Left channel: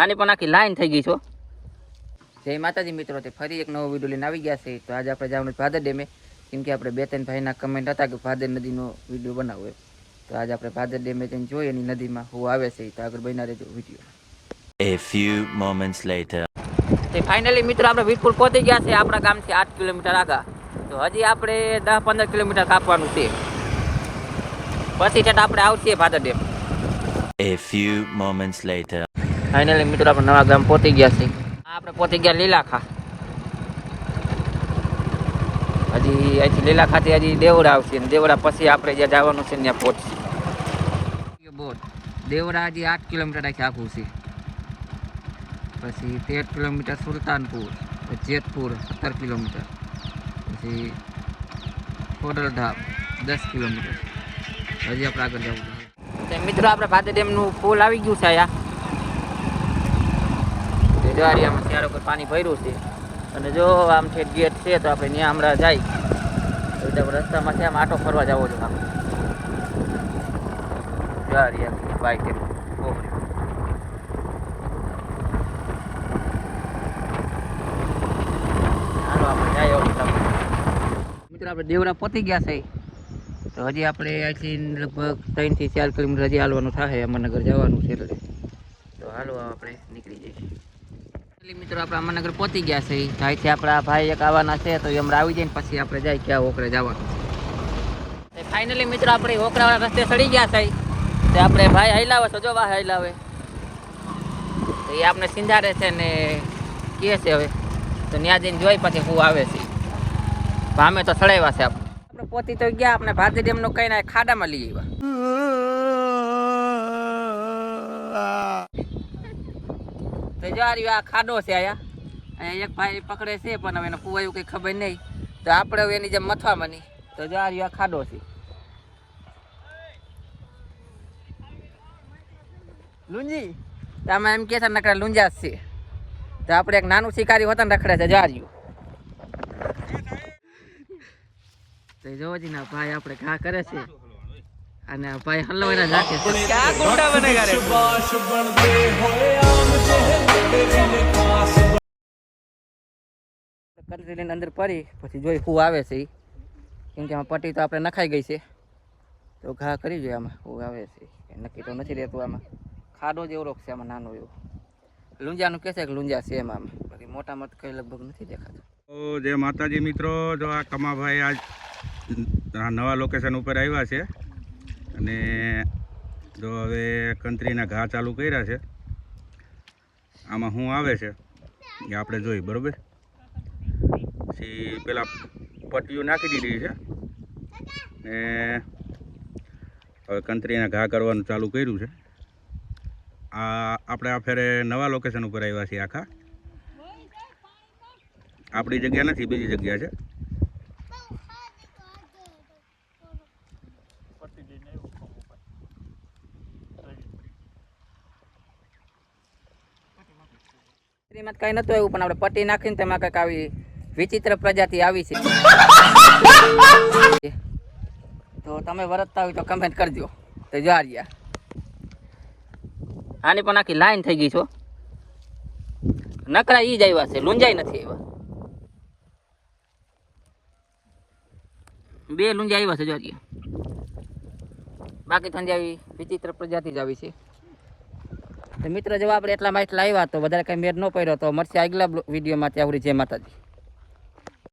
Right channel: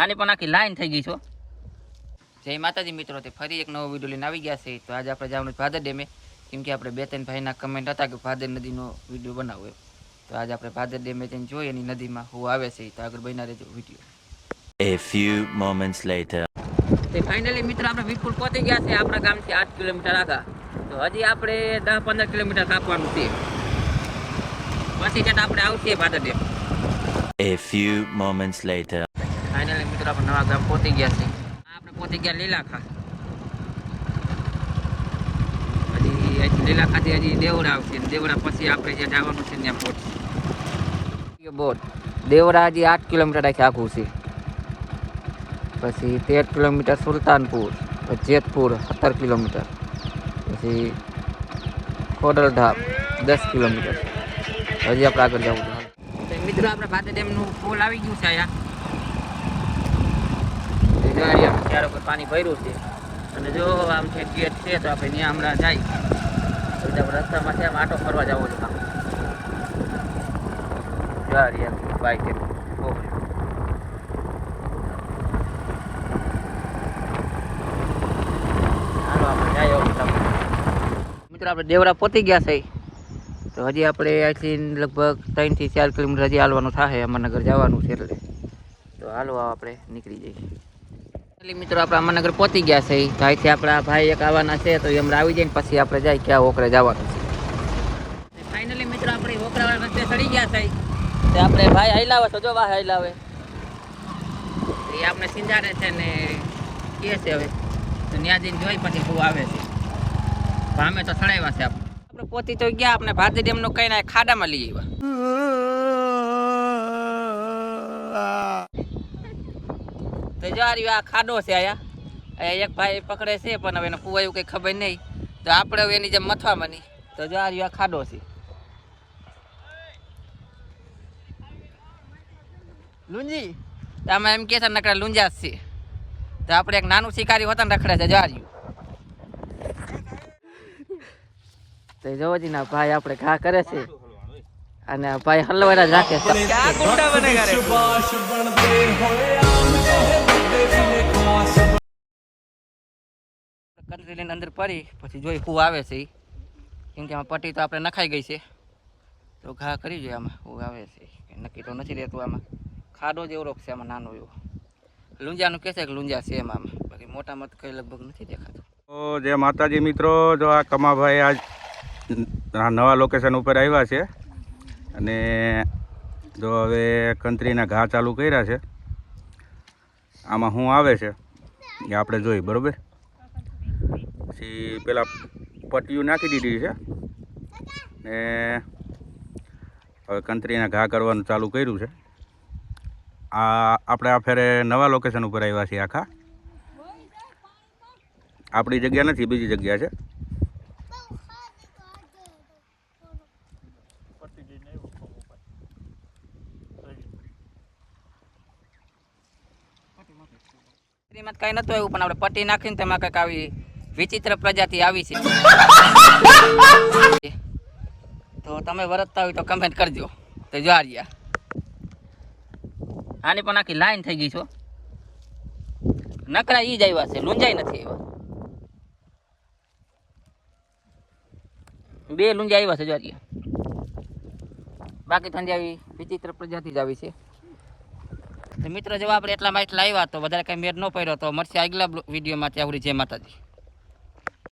આની પણ આખી લાઈન થઈ ગઈ છો જય માતાજી મિત્રો તે ફરી એક નવો વીડિયો લઈને આવી ગયા છે. તો આજે આપણે જવાનું ભાદર ડેમે. કેમ કે આપણે બે ત્રણ ભાઈના કમેન્ટ હતા કે ભાદર નદીનો વીડિયો બનાવો એમ. તો આજે આપણે ભાદર ડેમે જઈને જોઈએ એની નદીમાં હું આવે છે. તો આગળ બના રહેજો video A few moments later. તે ફાઇનલી મિત્રો આપણે વીરપુર પહોંચી ગયા છે. આપણા ગામથી આઠ કિલોમીટર આગળ. તો હજી આપણે દસ પંદર કિલોમીટર કાપવાનું છે. પછી આપણે આવશે Bhadar dam. A few moments later. Finally મિત્રો, આપણે નવા ગામ પહોંચી ગયા છે આપણે પહોંચી ગયા લીલાખા. હજી અહીંથી લીલાખાથી હજી દેવડા આવશે દેવડા પછી આપણે જ્યાં જવાનું છે ત્યાં પહોંચશે. બોટ દેવડા હજી આઠ કિલોમીટર આખી આખું છે. પછી તેર કિલોમીટર સુલતાનપુર જેતપુર, સત્તર કિલોમીટર. પછી ખોડલધામ, દસ કિલોમીટર. હજી આપણે આગળ જવું મિત્રો, આપણે ભાદર ડેમનું પુલ આવી ગયું છે અહીંયા. દિવાળી આમ ક્યારેક પાણી ભર્યું છે. અને જો આમ છે ગેટ છે તો આપણે ત્યાં હમણાં જાય રસ્તામાં છે, આમ આટો ફરવા જવો છે ગાડી બાઈક આપણે દેવરા પહોંચી ગયા છે. તો હજી આપણે અહીંથી લગભગ ત્રણથી ચાર કિલોમીટર હજી હાલવાનું થાય અમરનગર જવાનું છે તો હાલો આપણે નીકળી જઈએ. મિત્રો, આપણે અમરનગર પહોંચી ગયા છે. તો અહીંથી આપણા ભાઈ એક આવવાના છે, તો એમ આવી જાય પછી આપણે જાય ક્યાં ઓકરે જવાનું છે. ફાઇનલી મિત્રો, આપણે ઓકરાવાળા રસ્તે ચડી ગયા છે. આપણે ભાઈ હૈલાવે તો જો વાહ હૈલાવે. એ આપણે સિંધારે છે ને કહે છે હવે. તો ત્યાં જઈને જોઈ પછી હું આવે છે. ભામે તો સડાવ્યા છે આપણે. આપણે તો ગયા, આપણે ભારતી ડેમનું કઈ ના, ખાડામાં લઈ આવ્યા. તો જો આ ખાડો છે અહીંયા. એક ભાઈ પકડે છે, પણ હવે એને કુવાયું કઈ ખબર નહીં. તો આપણે હવે એની જેમ મથવા બની તો જો આ ખાડો છે. લુંજી, તો આમાં એમ કે છે, નકરા લુંજા છે. તો આપણે એક નાનું શિકારી હોતા ને રખડે છે, જો આ તો જોવો ના, ભાઈ આપણે ઘા કરે છે. અને ભાઈ હલવાના રાખે ક્યાં ગુંડા બનેગા રે કરી લઈને અંદર પડી પછી જોઈ હું આવે છે કેમ કે આમાં પટ્ટી તો આપણે નખાઈ ગઈ છે. તો ઘા કરી જોઈએ આમાં હું આવે છે નક્કી તો નથી રહેતું આમાં. ખાડો જ એવડો છે આમાં નાનો એવો. લુંજાનું કહે છે કે લુંજા છે એમ આમાં. બાકી મોટા મત કંઈ લગભગ નથી દેખાતું. તો જે માતાજી મિત્રો જો આ કમાભાઈ આજ આ નવા લોકેશન ઉપર આવ્યા છે. અને જો હવે કંત્રીના ઘા ચાલુ કર્યા છે, આમાં શું આવે છે, એ આપણે જોઈ, બરાબર? પછી પેલા પટ્ટીયું નાખી દીધી છે, ને હવે કંત્રીના ઘા કરવાનું ચાલુ કર્યું છે. આ આપણે આ ફેરે નવા લોકેશન ઉપર આવ્યા છીએ આખા. આપણી જગ્યા નથી, બીજી જગ્યા છે. એમાં કઈ નતું એવું, પણ આપણે પટી નાખીને તેમાં કંઈક આવી વિચિત્ર પ્રજાતિ આવી છે. તો તમે વરતતા હોય તો કમેન્ટ કરજો. તો જો આની પણ આખી લાઈન થઈ ગઈ છો. નકરા ઈ જ આવ્યા છે લુંજાઈ નથી આવ્યા બે લુંજા આવ્યા છે જો બાકી આવી વિચિત્ર પ્રજાતિ જ આવી છે. તો મિત્રો, જો આપણે એટલા માં એટલા આવ્યા તો વધારે કંઈ મેળ ન પડ્યો, તો મળશે આગલા વિડીયોમાં. ત્યાં સુધી જય માતાજી.